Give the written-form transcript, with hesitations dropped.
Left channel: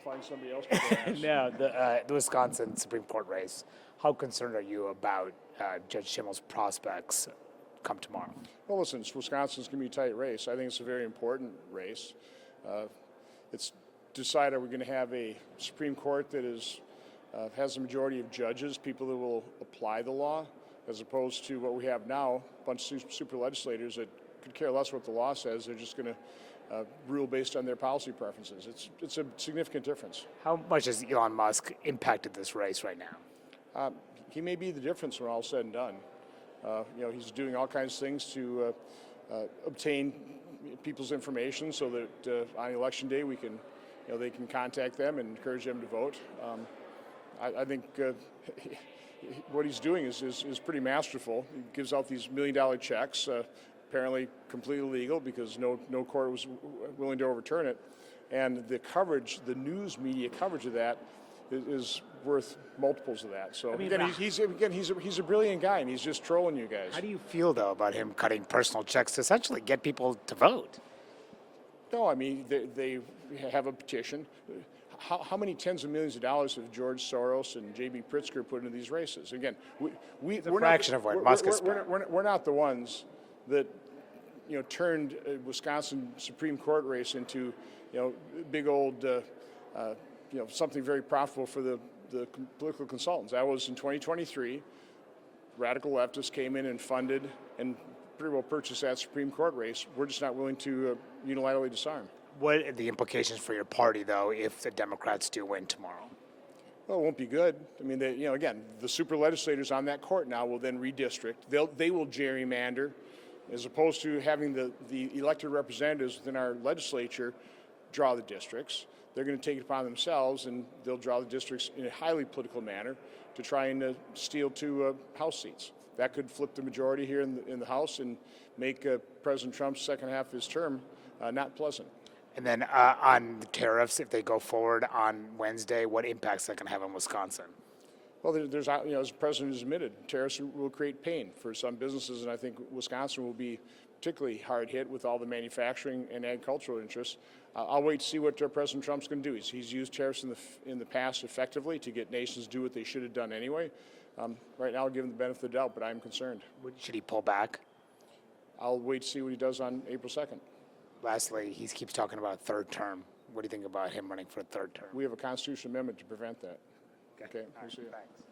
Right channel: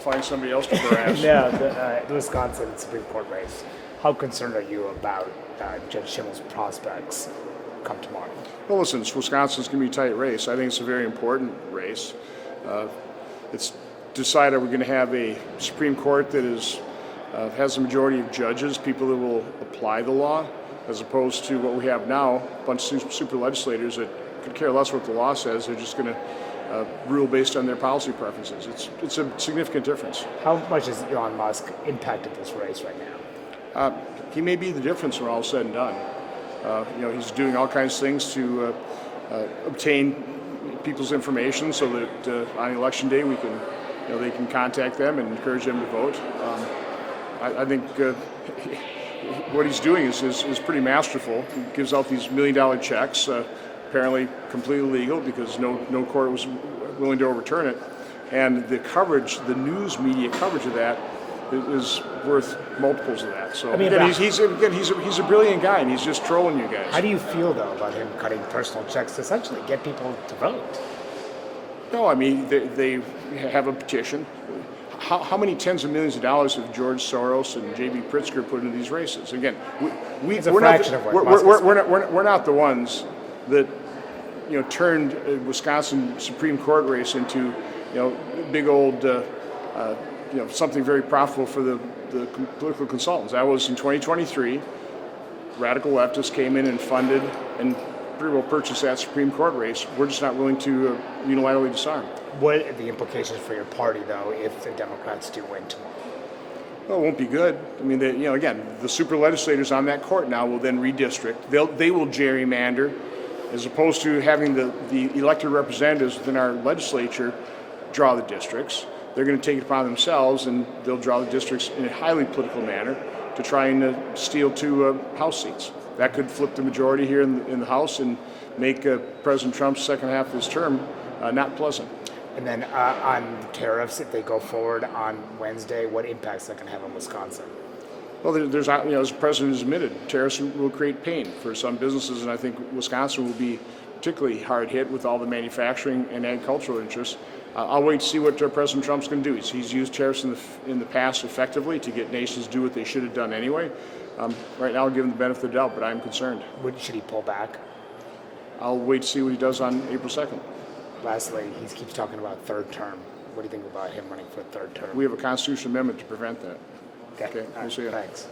Find somebody else to harass. Yeah, the Wisconsin Supreme Court race. How concerned are you about Judge Schimmel's prospects come tomorrow? Well, listen, Wisconsin's going to be a tight race. I think it's a very important race. It's decide, are we going to have a Supreme Court that has a majority of judges, people that will apply the law, as opposed to what we have now, a bunch of super legislators that could care less what the law says. They're just going to rule based on their policy preferences. It's a significant difference. How much has Elon Musk impacted this race right now? He may be the difference when all is said and done. He's doing all kinds of things to obtain people's information so that on election day they can contact them and encourage them to vote. I think what he's doing is pretty masterful. He gives out these $1 million checks, apparently completely legal because no court was willing to overturn it. And the coverage, the news media coverage of that is worth multiples of that. So he's a brilliant guy, and he's just trolling you guys. How do you feel though about him cutting personal checks to essentially get people to vote? No, I mean they have a petition. How many tens of millions of dollars have George Soros and J.B. Pritzker put into these races? Again, we're not the ones that turned a Wisconsin Supreme Court race into big old something very profitable for the political consultants. That was in 2023. Radical leftists came in and funded and pretty well purchased that Supreme Court race. We're just not willing to unilaterally disarm. What are the implications for your party, though, if the Democrats do win tomorrow? Well, it won't be good. I mean, again, the super legislators on that court now will then redistrict. They will gerrymander, as opposed to having the elected representatives within our legislature draw the districts. They're going to take it upon themselves, and they'll draw the districts in a highly political manner to try and steal 2 House seats. That could flip the majority here in the House and make President Trump's second half of his term not pleasant. And then on tariffs, if they go forward on Wednesday, what impacts that can have on Wisconsin? Well, there's as the president has admitted, tariffs will create pain for some businesses, and I think Wisconsin will be particularly hard hit with all the manufacturing and agricultural interests. I'll wait to see what President Trump's going to do. He's used tariffs in the past effectively to get nations to do what they should have done anyway. Right now, I'll give him the benefit of the doubt, but I'm concerned. Should he pull back? I'll wait to see what he does on April 2nd. Lastly, he keeps talking about third term. What do you think about him running for a third term? We have a constitutional amendment to prevent that. Okay. We'll see you. Thanks.